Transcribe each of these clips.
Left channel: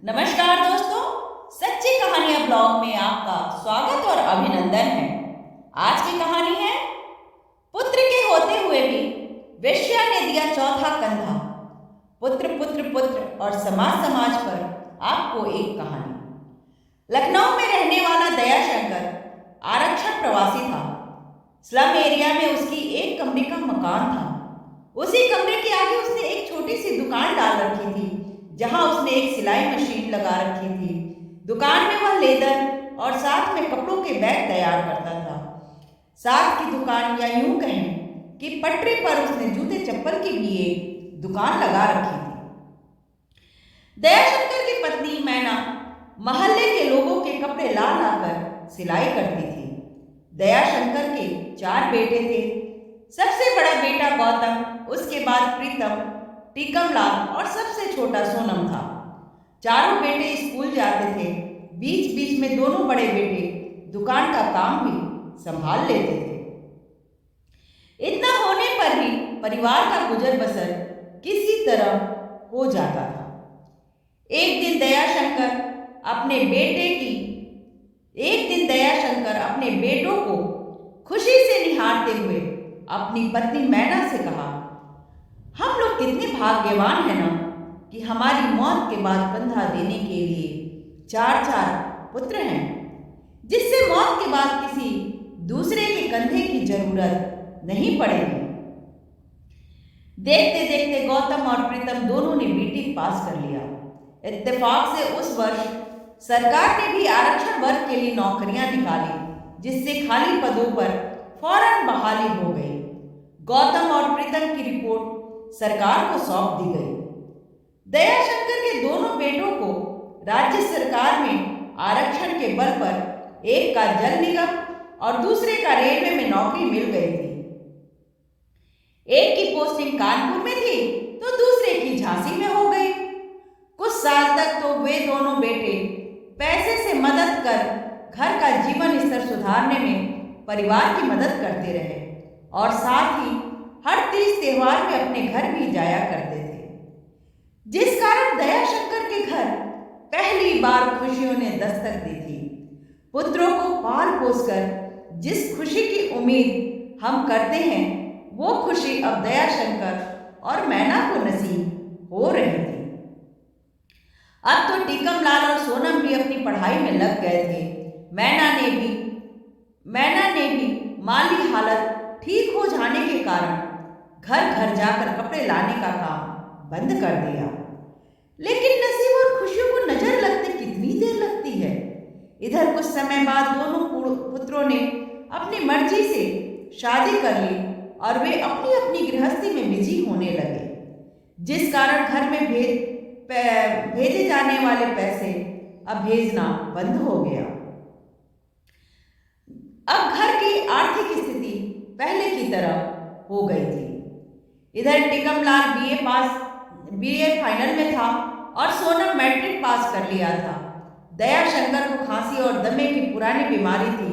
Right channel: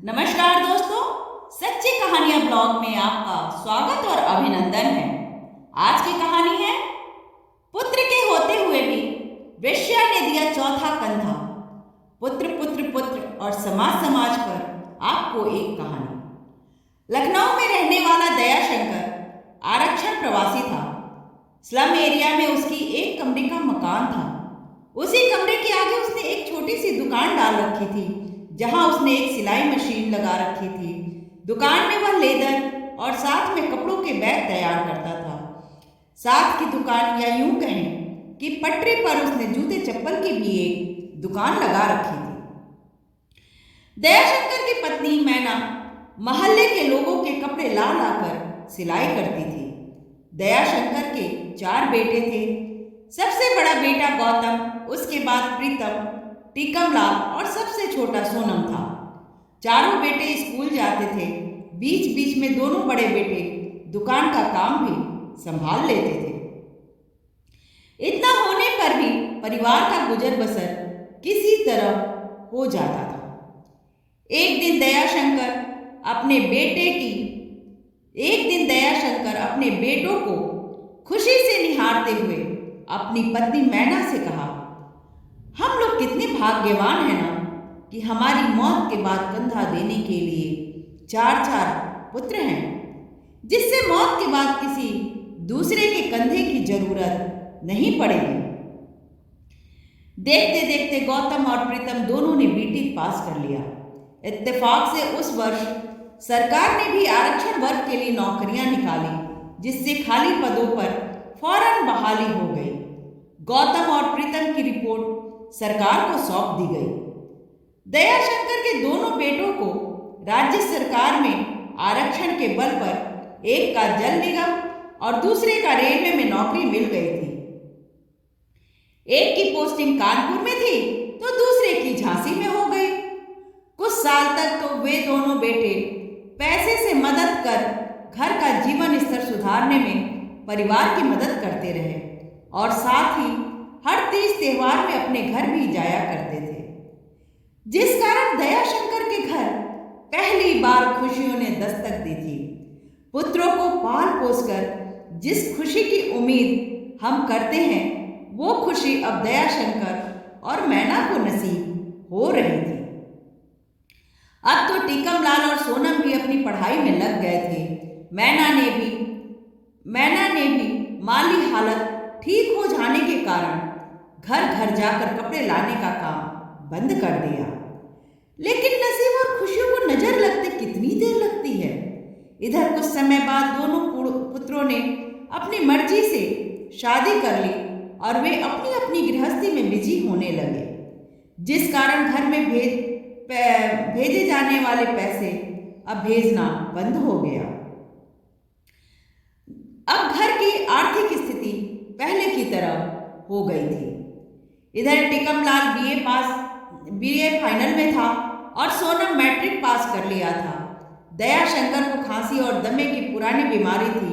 नमस्कार दोस्तों, सच्ची कहानियां ब्लॉग में आपका स्वागत और अभिनंदन है। आज की कहानी है पुत्र के होते हुए भी वेश्या ने दिया चौथा कंधा। पुत्र पुत्र पुत्र और समाज समाज पर आपको एक कहानी। लखनऊ में रहने वाला दयाशंकर आरक्षण प्रवासी था। स्लम एरिया में उसकी एक कमरे का मकान था। उसी कमरे के आगे उसने एक छोटी सी दुकान डाल रखी थी, जहां उसने एक सिलाई मशीन लगा रखी थी। दुकान में वह लेदर और साथ में कपड़ों के बैग तैयार करता था। साथ की दुकान, या यूं कहें कि पटरी पर उसने जूते चप्पल की भी एक दुकान लगा रखी थी। दयाशंकर की पत्नी मैना मोहल्ले के लोगों के कपड़े ला लाकर सिलाई करती थी। दयाशंकर के 4 बेटे थे। सबसे बड़ा बेटा गौतम, उसके बाद प्रीतम, टीकमलाल और सबसे छोटा सोनम था। चारों बेटे स्कूल जाते थे। बीच बीच में दोनों बड़े बेटे दुकान का काम भी संभाल लेते थे। इतना होने पर भी परिवार का गुजर बसर किसी तरह हो जाता था। एक दिन दयाशंकर अपने बेटों को खुशी से निहारते हुए अपनी पत्नी मैना से कहा, हम लोग कितने भाग्यवान हैं ना कि हमारी मौत के बाद कंधा देने के लिए 4 पुत्र हैं, जिससे मौत के बाद किसी दूसरे के कंधे की जरूरत नहीं पड़ेगी। देखते देखते गौतम और प्रीतम दोनों ने बीटी पास कर लिया। इत्तेफाक से उस वर्ष सरकार ने भी आरक्षण वर्ग के लिए नौकरियां निकाली, जिससे खाली पदों पर फौरन बहाली हो गई। गौतम और प्रीतम की रिपोर्ट सरकार को सौंप दी गई। दयाशंकर के दोनों बेटों को राज्य सरकार में आरक्षण के बल पर एक का जल निगम और दूसरे का रेलवे में नौकरी मिल गई थी। एक की पोस्टिंग कानपुर में थी तो दूसरे की झांसी में हो गई। कुछ साल तक तो वे दोनों बेटे पैसे से मदद कर घर का जीवन स्तर सुधारने में परिवार की मदद करते रहे और साथ ही हर तीज त्योहार में अपने घर भी जाया करते थे, जिस कारण दयाशंकर के घर पहली बार खुशियों ने दस्तक दी थी। पुत्रों को पाल पोस कर जिस खुशी की उम्मीद हम करते हैं, वो खुशी अब दयाशंकर और मैना को नसीब हो रही थी। अब तो टीकमलाल और सोनम भी अपनी पढ़ाई में लग गए थे। मैना ने भी माली हालत ठीक हो जाने के कारण घर घर जाकर कपड़े लाने का काम बंद कर दिया। लेकिन नसीब और खुशियों को नजर लगते कितनी देर लगती है। इधर कुछ समय बाद दोनों पुत्रों ने अपनी मर्जी से शादी कर ली और वे अपनी अपनी गृहस्थी में बिजी होने लगे, जिस कारण घर में भेजे जाने वाले पैसे अब भेजना बंद हो गया। अब घर की आर्थिक स्थिति पहले की तरह हो गई थी। इधर टीकमलाल बीए फाइनल में था और सोनम मैट्रिक पास कर लिया था। दयाशंकर को खांसी और दमे की पुरानी बीमारी थी।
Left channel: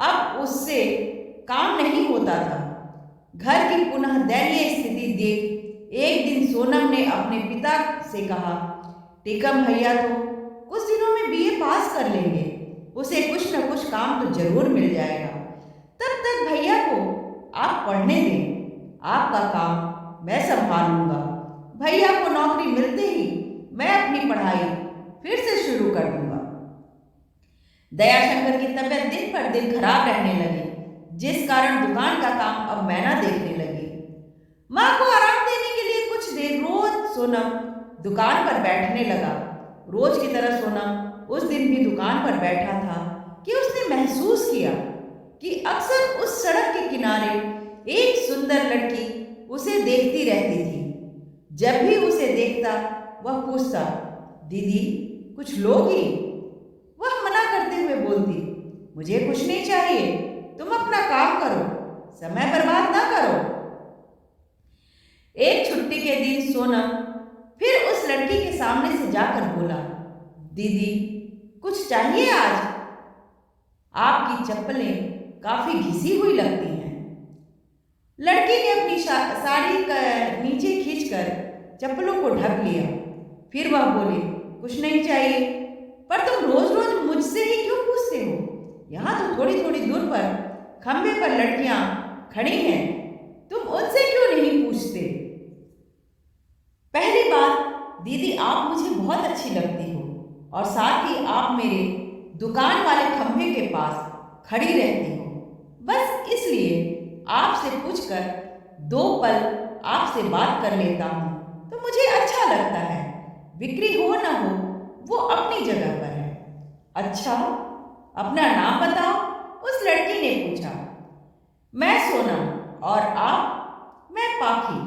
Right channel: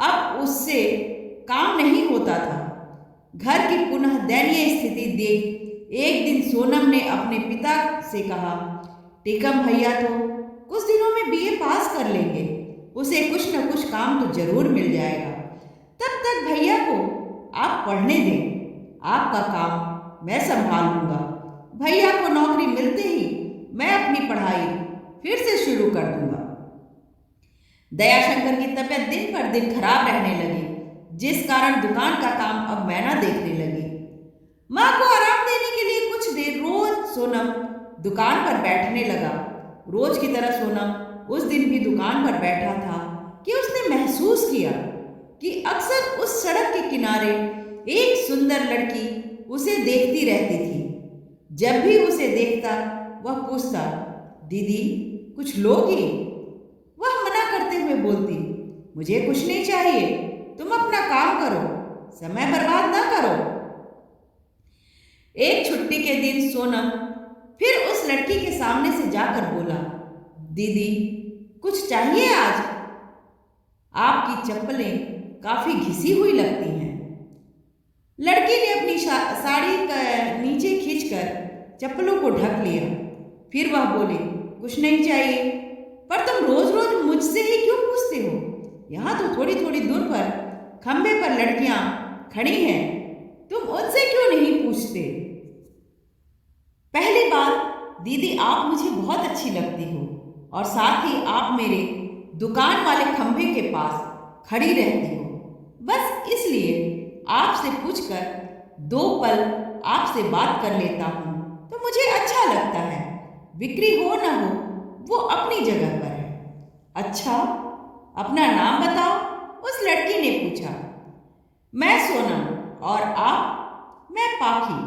अब उससे काम नहीं होता था। घर की पुनः दयनीय स्थिति देख एक दिन सोनम ने अपने पिता से कहा, टीकम भैया तो कुछ दिनों में बीए पास कर लेंगे, उसे कुछ न कुछ काम तो जरूर मिल जाएगा। तब तक भैया को आप पढ़ने दें, आपका काम मैं संभाल लूँगा। भैया को नौकरी मिलते ही मैं अपनी पढ़ाई फिर से शुरू कर दूँगा। दयाशंकर की तबीयत दिन पर दिन खराब रहने लगी, जिस कारण दुकान का काम अब मैना देखने लगी। माँ को आराम देने के लिए कुछ देर रोज सोनम दुकान पर बैठने लगा। रोज की तरह सोनम उस दिन भी दुकान पर बैठा था कि उसने महसूस किया कि अक्सर उस सड़क के किनारे एक सुंदर लड़की उसे देखती रहती थी। जब भी उसे देखता वह पूछता, दीदी कुछ लोगी? वह मना करते हुए बोलती, मुझे कुछ नहीं चाहिए, तुम अपना काम करो, समय बर्बाद ना करो। एक छुट्टी के दिन सोनम फिर उस लड़की के सामने से जाकर बोला, दीदी कुछ चाहिए आज? आपकी चप्पलें काफी घिसी हुई लगती हैं। लड़की ने अपनी साड़ी का नीचे खींचकर चप्पलों को ढक लिया। फिर वह बोली, कुछ नहीं चाहिए, पर तुम रोज रोज मुझसे ही क्यों पूछते हो? यहाँ तो थोड़ी थोड़ी दूर पर खंबे पर लड़कियां खड़ी हैं, तुम उनसे क्यों नहीं पूछते? पहली बात, दीदी आप मुझे बहुत अच्छी लगती हो और साथ ही आप मेरे दुकान वाले खंभे के पास खड़ी रहती हो। बस इसलिए आपसे पूछकर 2 पल आपसे बात कर लेता हूँ तो मुझे अच्छा लगता है। बिक्री हो ना हो वो अपनी जगह पर है। अच्छा, अपना नाम बताओ, उस लड़की ने पूछा। मैं सोनम। और आप? मैं पाखी।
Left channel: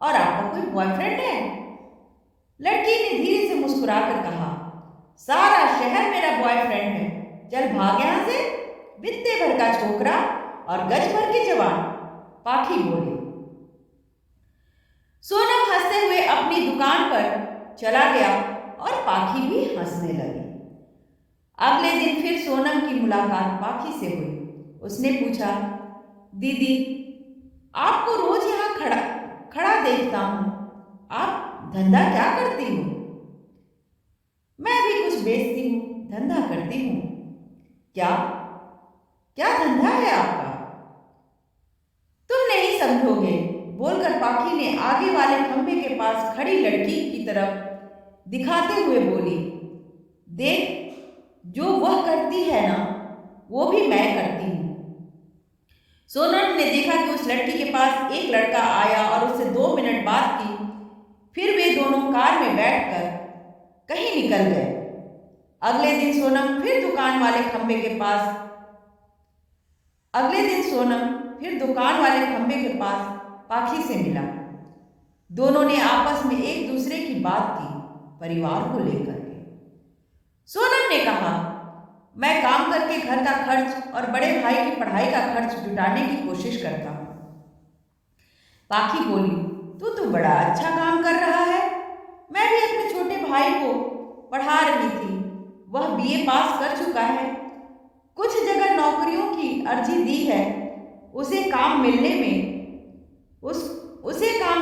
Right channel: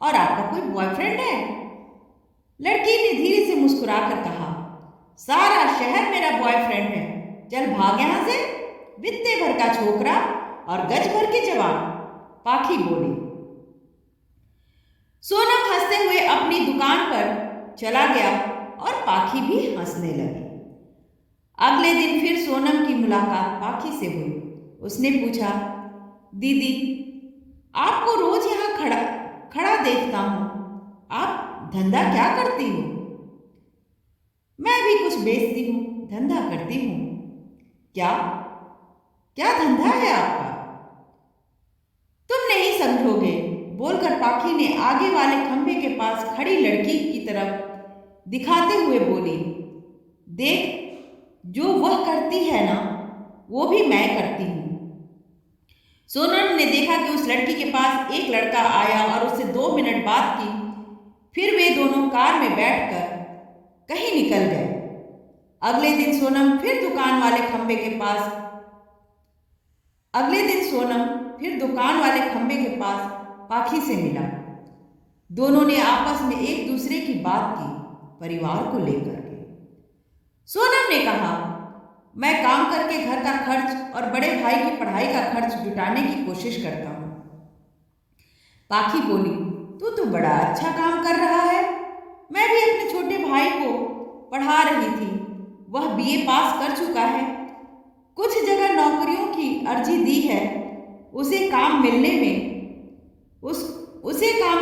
और आपका कोई बॉयफ्रेंड है? लड़की ने धीरे से मुस्कुराकर कहा, सारा शहर मेरा बॉयफ्रेंड है, चल भाग यहां से, बित्ते भर का छोकरा और गज भर के जवान, पाखी बोली। सोनम हंसते हुए अपनी दुकान पर चला गया और पाखी भी हंसने लगी। अगले दिन फिर सोनम की मुलाकात पाखी से हुई। उसने पूछा, दीदी आपको रोज यहाँ खड़ा खड़ा देखता हूँ, आप धंधा क्या करती हो? मैं भी कुछ बेचती हूँ, धंधा करती हूँ। क्या क्या धंधा है आपका? तुम नहीं समझोगे, बोलकर पाखी ने आगे वाले खंभे के पास खड़ी लड़की की तरफ दिखाते हुए बोली, देख, जो वह करती है ना वो भी मैं करती हूँ। सोनम ने देखा कि उस लड़की के पास एक लड़का आया और उससे 2 मिनट बात की। फिर वे दोनों कार में बैठकर कहीं निकल गए। अगले दिन सोनम फिर दुकान वाले खंभे के पास पाखी से मिला। दोनों ने आपस में एक दूसरे की बात की, परिवार को लेकर के। सोनम ने कहा, मैं काम करके घर का खर्च और बड़े भाई की पढ़ाई का खर्च जुटाने की कोशिश करता हूँ। पाखी बोली, तू तो बड़ा अच्छा काम कर रहा है। मैं भी अपने छोटे भाई को पढ़ा रही थी, वह बीए पास कर चुका है। कुछ जगह नौकरियों की अर्जी दी है, उसे काम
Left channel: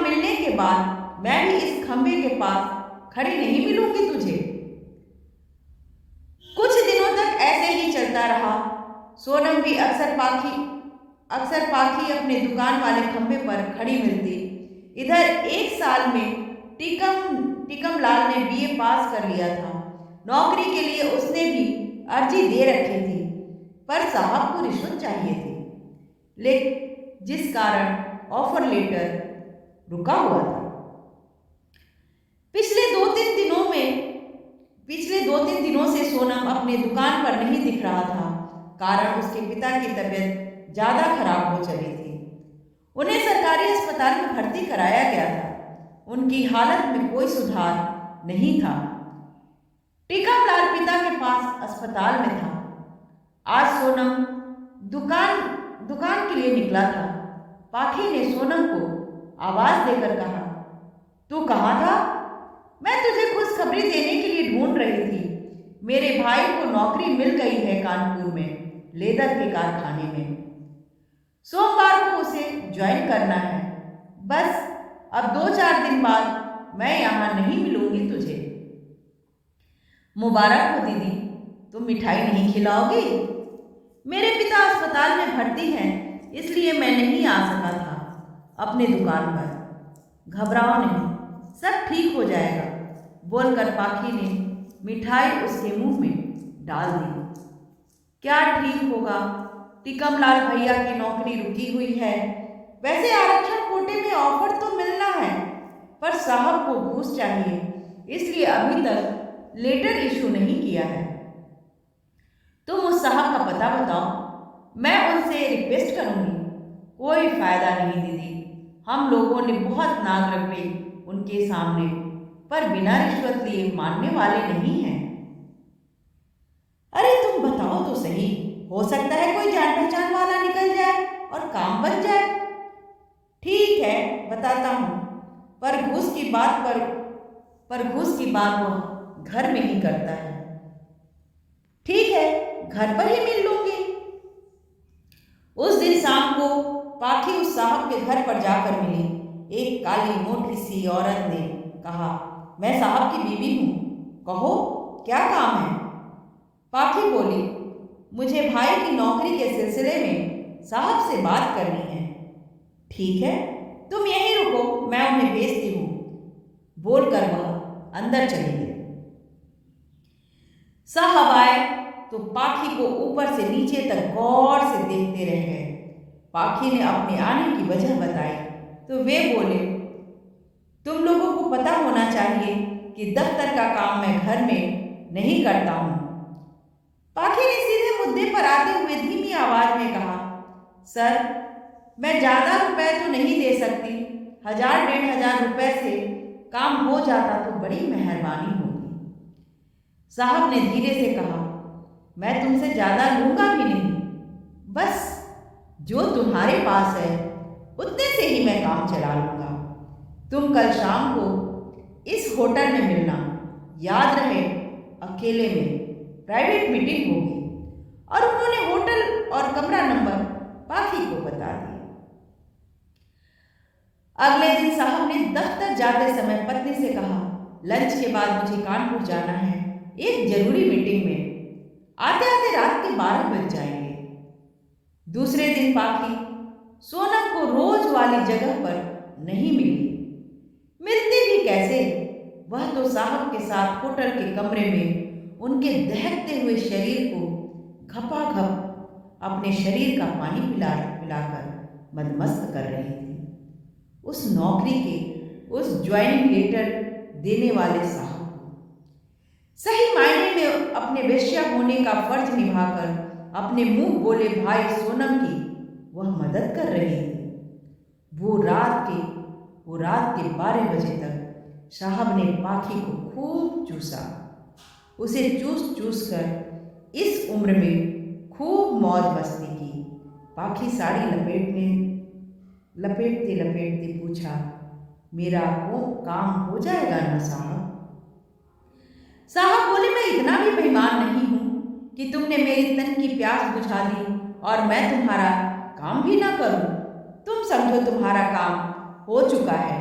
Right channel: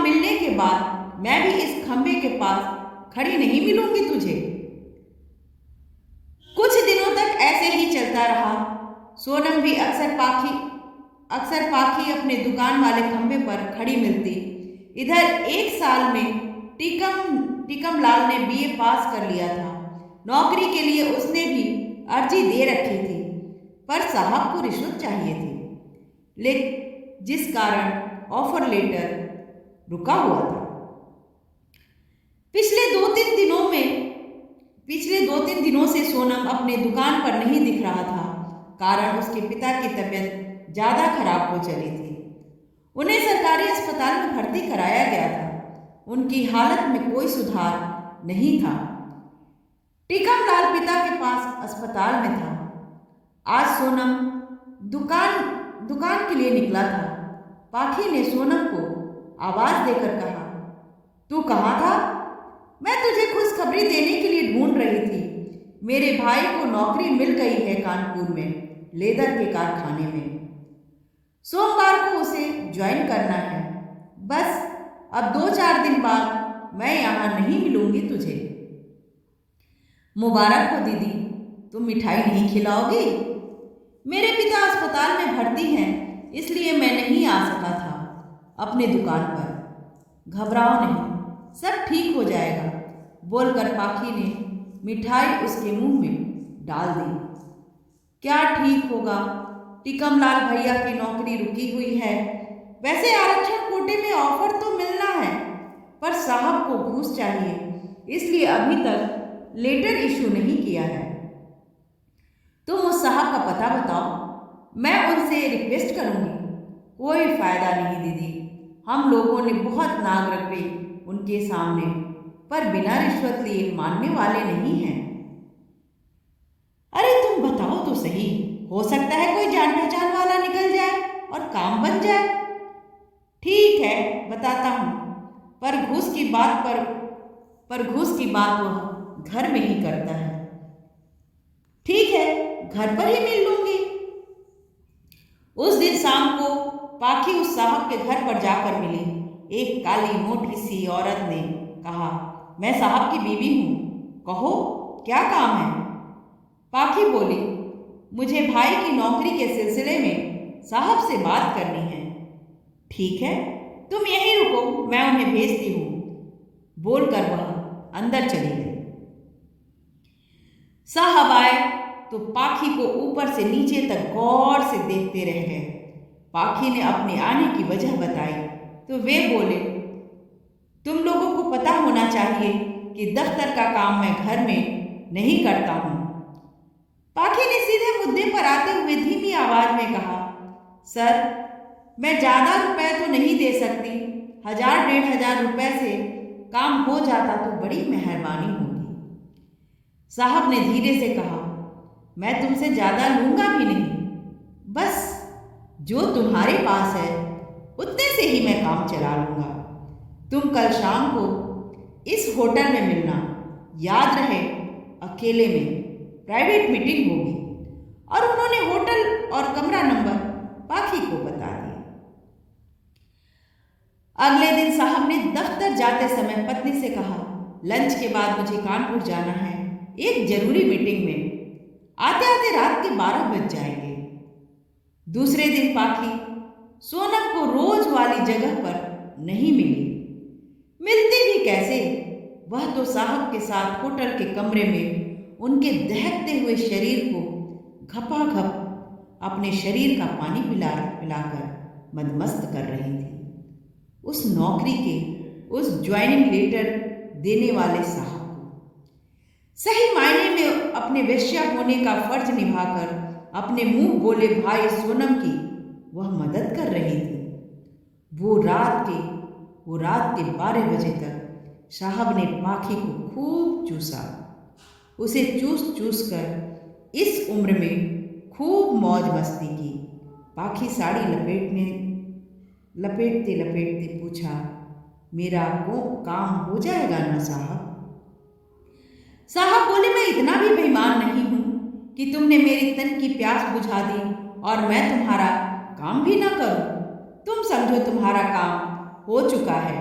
मिलने के बाद मैं भी इस खंबे के पास खड़ी नहीं मिलूंगी तुझे। कुछ दिनों तक ऐसे ही चलता रहा। सोनम भी अक्सर पाखी अपने दुकान वाले खंबे पर खड़ी मिलती। इधर 1 साल में टिकम लाल ने बीए पास कर लिया था। नौकरी के लिए उसने भी अर्जी दे रखी थी, पर साहब को रिश्वत चाहिए थी, जिस कारण ऑफर लेटर रुका हुआ था। पिछले 2-3 दिनों से सोनम अपने दुकान पर नहीं दिख रहा था, कारण उसके पिता की तबीयत ज़्यादा खराब हो चली थी। उन्हें सरकारी अस्पताल में भर्ती कराया गया था। उनकी हालत में कोई सुधार नहीं था। टिकमलाल पिता के पास अस्पताल में था। आज सोनम दुकान के लिए निकला था। पाखी ने सोनम को आवाज देकर कहा, तू कहाँ था? मैं तुझे खुशखबरी देने के लिए ढूंढ रही थी। मेरे भाई को नौकरी मिल गई है कानपुर में, लेदर के कारखाने में। सोमवार को उसे ज्वाइन करना है। बस अब 2-4 दिन बाद मैं यहाँ नहीं मिलूंगी तुझे। मुबारक हो दीदी, तुम मिठाई नहीं खिलाओगी? मेरे पिता अस्पताल में भर्ती हैं, इसलिए मैं नहीं आ सका था अपने दुकान पर। घबराओ नहीं, सब ठीक हो जाएगा, बोलकर पाखी ने मिठाई उसके मुंह में डाल दी। क्या ठीक होगा, टिकमलाल भैया की नौकरी रुकी हुई है। वैसे आरक्षण कोटे में ऑफर तो मिलना है, पर साहब को घूस चाहिए, इसलिए अभी तक लेटर इशू नहीं किया है। तुम उस साहब का पता बताओ, मैं उनसे रिक्वेस्ट करूंगी। कोई फायदा नहीं दीदी, हम लोगों ने बहुत नाग रगड़े उनके सामने, पर बिना रिश्वत लिए मानने वाले नहीं हैं। अरे तुम बताओ तो सही, हो सकता है कोई जान पहचान वाला निकल जाए और काम बन जाए। ठीक है, बताता हूँ, पर घूस की बात वह घर में ही करता है। ठीक है, घर पर ही मिल लूंगी। उस दिन शाम को पाखी उस साहब के घर पर जाकर मिली। एक काली मोटी सी औरत ने कहा, मैं साहब की बीवी हूँ, कहो क्या काम है? पाखी बोली, मुझे भाई की नौकरी के सिलसिले में साहब से बात करनी है। ठीक है, तुम यहीं रुको, मैं उन्हें भेजती हूँ, बोलकर वह अंदर चली गई। साहब आए तो पाखी को ऊपर से नीचे तक गौर से देखते रह गए। पाखी ने अपने आने की वजह बताई तो वे बोले, तुम लोगों को पता होना चाहिए कि दफ्तर का काम मैं घर में नहीं करता हूँ। पाखी ने सीधे मुद्दे पर आते हुए धीमी आवाज में कहा, सर, मैं ज़्यादा रुपए तो नहीं दे सकती, 1000-1500 रुपए से काम हो जाता तो बड़ी मेहरबानी होगी। साहब ने धीरे से कहा, मैं तुमसे ज़्यादा लूँगा भी नहीं, बस जो तुम्हारे पास है उतने से ही मैं काम चला लूँगा। तुम कल शाम को इस होटल में मिलना, याद रहे अकेले में, प्राइवेट मीटिंग होगी। और उन्होंने होटल और कमरा नंबर पाखी को बता दिया। अगले दिन साहब ने दफ्तर जाते समय पत्नी से कहा, लंच के बाद मुझे कानपुर जाना है एक जरूरी मीटिंग में, आते आते रात के 12 बज जाएंगे। दूसरे दिन पाखी सोनम को रोज वाली जगह पर नहीं मिली। मिलती भी कैसे? वह तो साहब के साथ होटल के कमरे में उनके दहकते हुए शरीर को घपाघप अपने शरीर का पानी पिलाकर मदमस्त कर रही थी। उस नौकरी के उस ज्वाइनिंग लेटर देने वाले साहब को सही मायने में अपने वेश्या होने का फर्ज निभाकर अपने मुंह बोले भाई सोनम की वह मदद कर रही थी। वो रात के 12 बजे तक साहब ने पाखी को खूब चूसा। उसे चूस कर इस उम्र में खूब मौज मस्ती की। पाखी साड़ी लपेटते पूछा, मेरा वो काम हो जाएगा ना साहब? साहब बोले, मैं इतना भी बेईमान नहीं हूँ कि तुमने मेरी तन की प्यास बुझा दी और मैं तुम्हारा काम भी ना करूँ। तुम समझो तुम्हारा काम हो चुका है।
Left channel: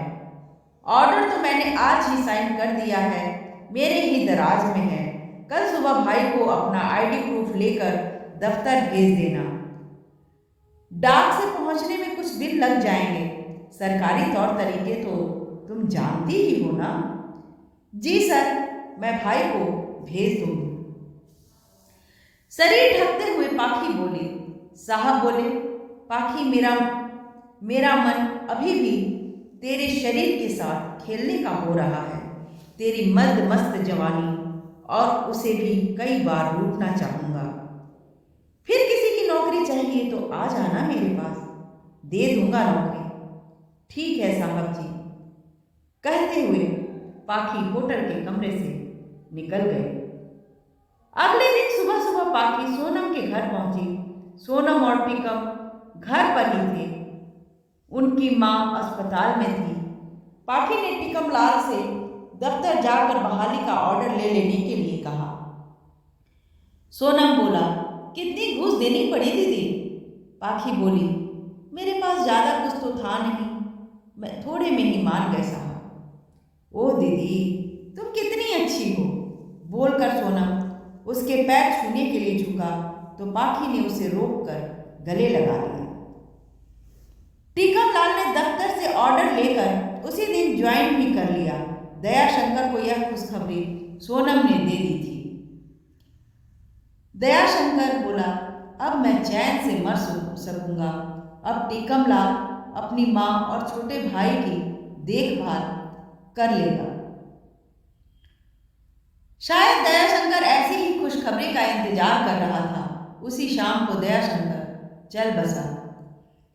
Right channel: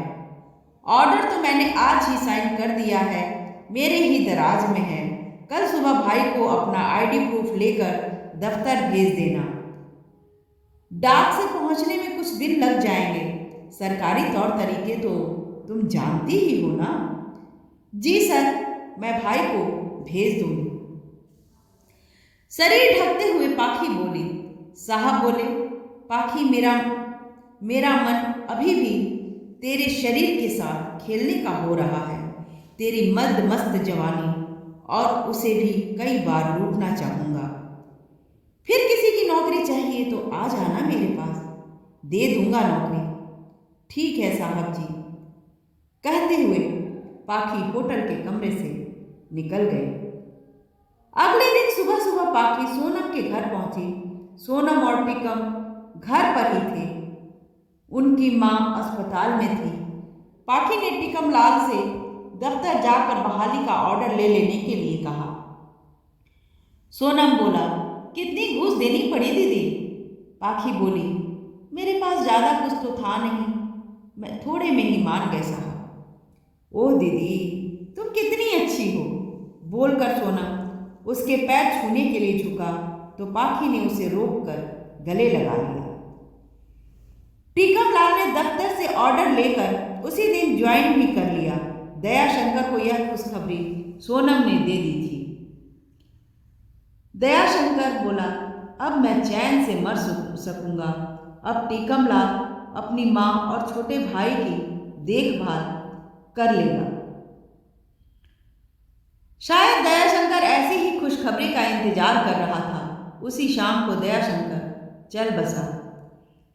ऑर्डर तो मैंने आज ही साइन कर दिया है, मेरे ही दराज में है। कल सुबह भाई को अपना आईडी प्रूफ लेकर दफ्तर भेज देना। डाक से पहुंचने में कुछ दिन लग जाएंगे। सरकारी तौर तरीके तो तुम जानती ही हो ना? जी सर, मैं भाई को भेज दूंगी। शरीर ढकते हुए पाखी बोली। साहब बोले, पाखी, मेरा मन अभी भी तेरे शरीर के साथ खेलने का हो रहा है। तेरी मद मस्त जवानी और उसे भी कई बार लूटना चाहूँगा। फिर किसी की नौकरी चाहिए तो आ जाना मेरे पास, दे दूंगा नौकरी। ठीक है साहब जी, कहते हुए पाखी होटल के कमरे से निकल गई। अगले दिन सुबह सुबह पाखी सोनम के घर पहुंची। सोनम और टीकम घर पर ही थे। उनकी माँ अस्पताल में थी। पाखी ने टीकम लाल से दफ्तर जाकर बहाली का ऑर्डर ले लेने के लिए कहा। सोनम बोला, कितनी घूस देनी पड़ी दीदी? पाखी बोली, मेरे पास ज़्यादा कुछ तो था नहीं, मैं थोड़े में ही मान गए साहब। ओह दीदी, तुम कितनी अच्छी हो, बोलकर सोनम उसके पैर छूने के लिए झुका तो पाखी ने उसे रोककर गले लगा लिया। टीकम लाल ने दफ्तर से ऑर्डर लेकर उसी दिन ज्वाइन भी कर लिया। दयाशंकर को यह खुशखबरी सोनम ने दे दी थी। दयाशंकर बोला, अब मैं चैन से मर सकूंगा। अब टीकम लाल अपनी माँ और छोटे भाई की देखभाल कर लेगा। शायद दयाशंकर ऐसी ही खुशखबरी का इंतजार कर रहा था। उसी शाम को दयाशंकर चल बसा।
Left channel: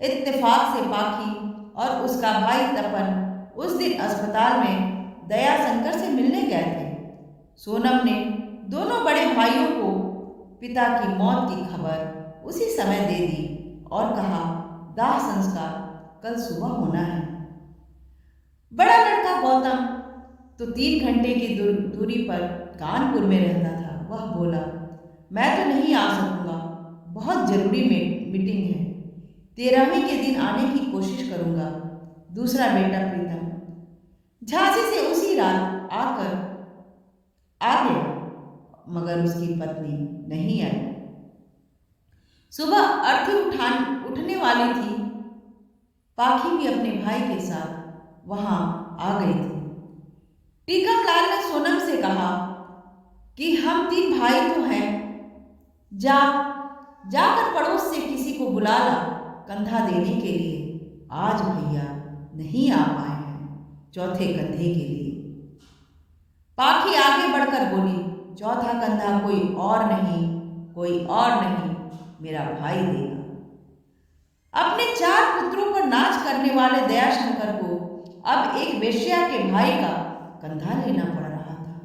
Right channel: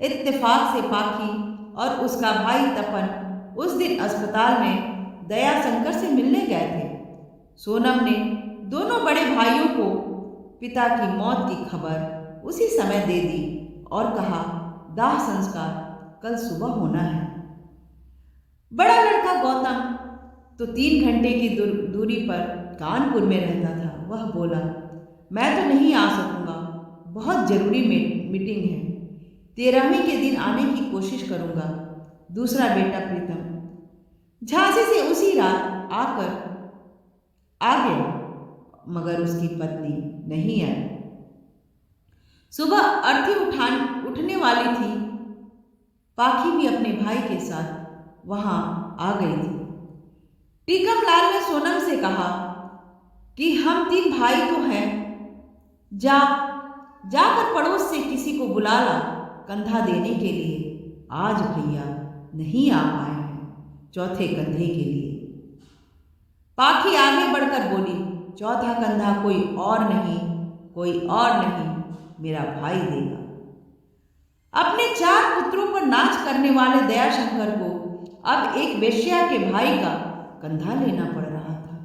इत्तेफाक से पाखी और उसका भाई तपन उस दिन अस्पताल में दयाशंकर से मिलने गए थे। सोनम ने दोनों बड़े भाइयों को पिता की मौत की खबर उसी समय दे दी और कहा, दाह संस्कार कल सुबह होना है। बड़ा लड़का गौतम तो 3 घंटे की दूरी पर कानपुर में रहता था। वह बोला, मैं तो नहीं आ सकूंगा, बहुत जरूरी मीटिंग है। 13वें के दिन आने की कोशिश करूंगा। दूसरा बेटा प्रीतम झांसी से उसी रात आकर आ गया, मगर उसकी पत्नी नहीं आई। सुबह अर्थी उठने वाली थी। पाखी भी अपने भाई के साथ वहां आ गई थी। टीकमलाल ने सोनम से कहा कि हम 3 भाई तो हैं, जाकर पड़ोस से किसी को बुला ला कंधा देने के लिए। आज भैया नहीं आ पाए हैं चौथे कंधे के लिए। पाखी आगे बढ़कर बोली, चौथा कंधा कोई और नहीं, मेरा भाई देगा। अपने 4 पुत्रों पर नाच करने वाले दयाशंकर को अब एक वेश्या के भाई का कंधा लेना पड़ रहा था।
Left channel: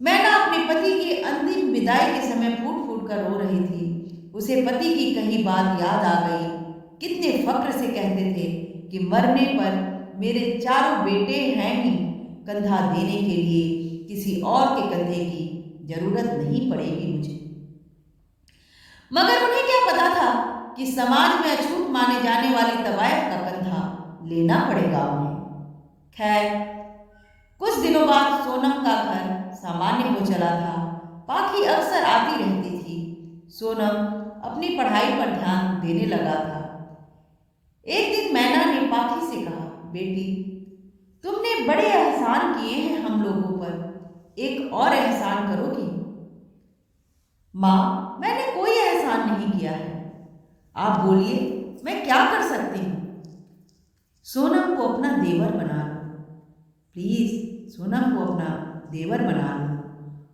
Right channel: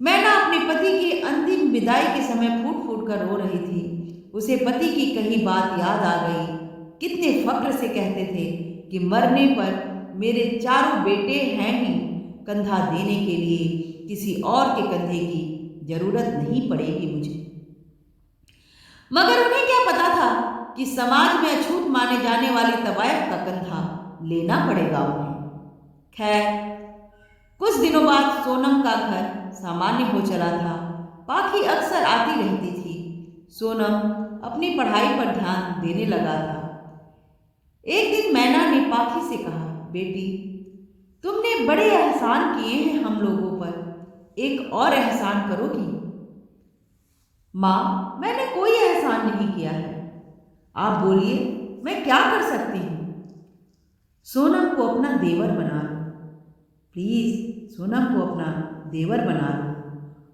मैना अपने पति की अंतिम विदाई के समय फूट फूट कर रो रही थी। उसे पति की कही बात याद आ गई। कितने फक्र से कहते थे कि मरने पर मेरे 4 बेटे हैं ही, कंधा देने के लिए किसी और के कंधे की जरूरत नहीं पड़ेगी मुझे। मगर उन्हें क्या पता था कि समाज में अछूत माने जाने वाली तवायफ का कंधा लेना पड़ेगा उन्हें। खैर, कुछ दिनों बाद सोनम का घर सामान्य हो चला था। पाखी अक्सर आती रहती थी। सोनम अपनी पढ़ाई पर ध्यान देने लगा था। एक दिन मैना ने पाखी से कहा, बेटी, तुमने बड़े एहसान किए हैं हम लोगों पर, एक और एहसान करोगी? माँ, मैंने कोई एहसान नहीं किया है। आप बोलिए, मैं क्या कर सकती हूँ? सोनम को अपना देवर बना लो। प्लीज सोनम को अपना देवर बना लो।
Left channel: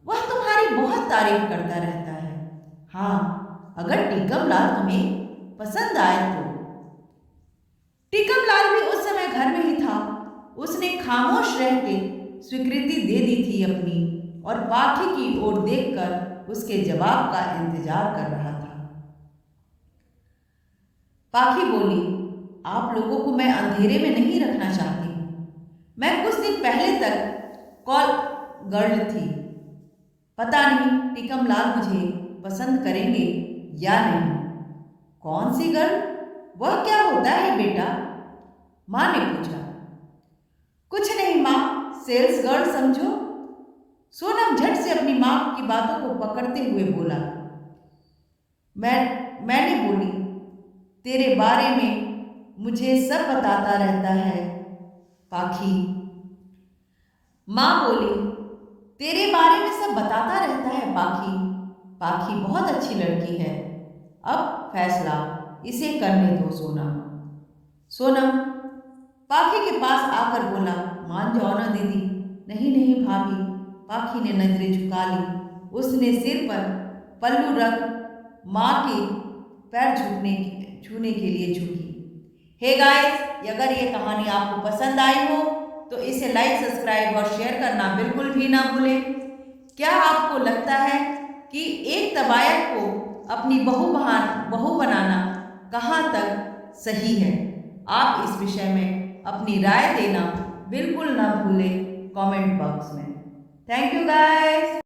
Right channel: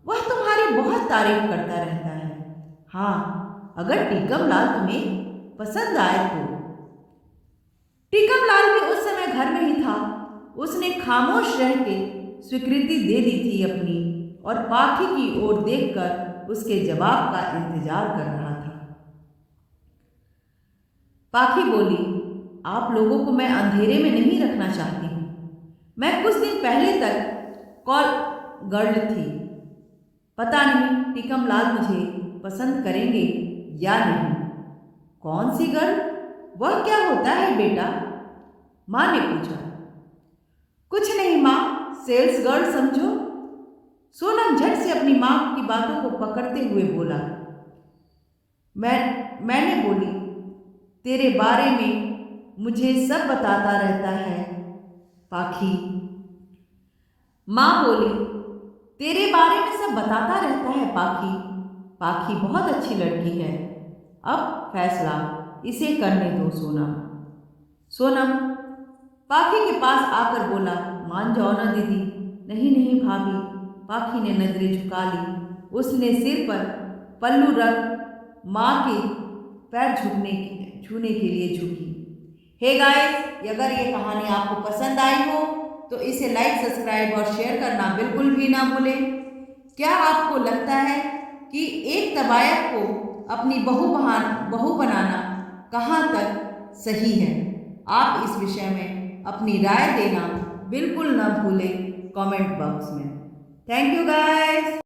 वह तुम्हारी बहुत तारीफ करता रहता है। हाँ, अगर टीकमलाल तुम्हें पसंद आए तो। टीकमलाल भी उस समय घर में ही था। उसने खामोश रह के स्वीकृति दे दी थी अपनी, और पाखी की ओर देखकर उसके जवाब का इंतजार कर रहा था। पाखी बोली, आप लोगों को मैं अंधेरे में नहीं रखना चाहती हूँ। मैं कुछ दिन पहले तक कॉल गर्ल थी। पता नहीं टीकमलाल मुझे पसंद करेंगे या नहीं। कौन सी गर्ल? वह क्या होता है बेटा? माँ ने पूछा। कुछ नहीं माँ, सेल्स गर्ल समझो। सोनम झट से अपनी माँ की बातों को पकड़ते हुए बोला। मैंने बोली, तेरे बारे में मुझे सब बताता रहता है पाखी। माँ बोली, तेरे बारे में सब बताता रहता है पाखी। पाखी बहुत अच्छी लड़की है। अब फैसला इसे करने दो सोनम। सोनम पाखी के पास आकर बोला, मान जाओ ना दीदी। नहीं नहीं भाभी। पाखी ने नजरें झुका ली। उसने सिर पर पल्लू रख माँ के पैर छूने के लिए झुकी। हे गाइस, अगर ये कहानी आपको पसंद आई हो तो इसे लाइक, सब्सक्राइब और शेयर करना बिल्कुल भी ना भूलें। क्या आपको लगता है कि एक तवायफ को अपनी बहू बनाना कहाँ तक सही है? आप इस विषय में अपनी राय देना बिल्कुल ना भूलें कमेंट बॉक्स में। Thank you guys.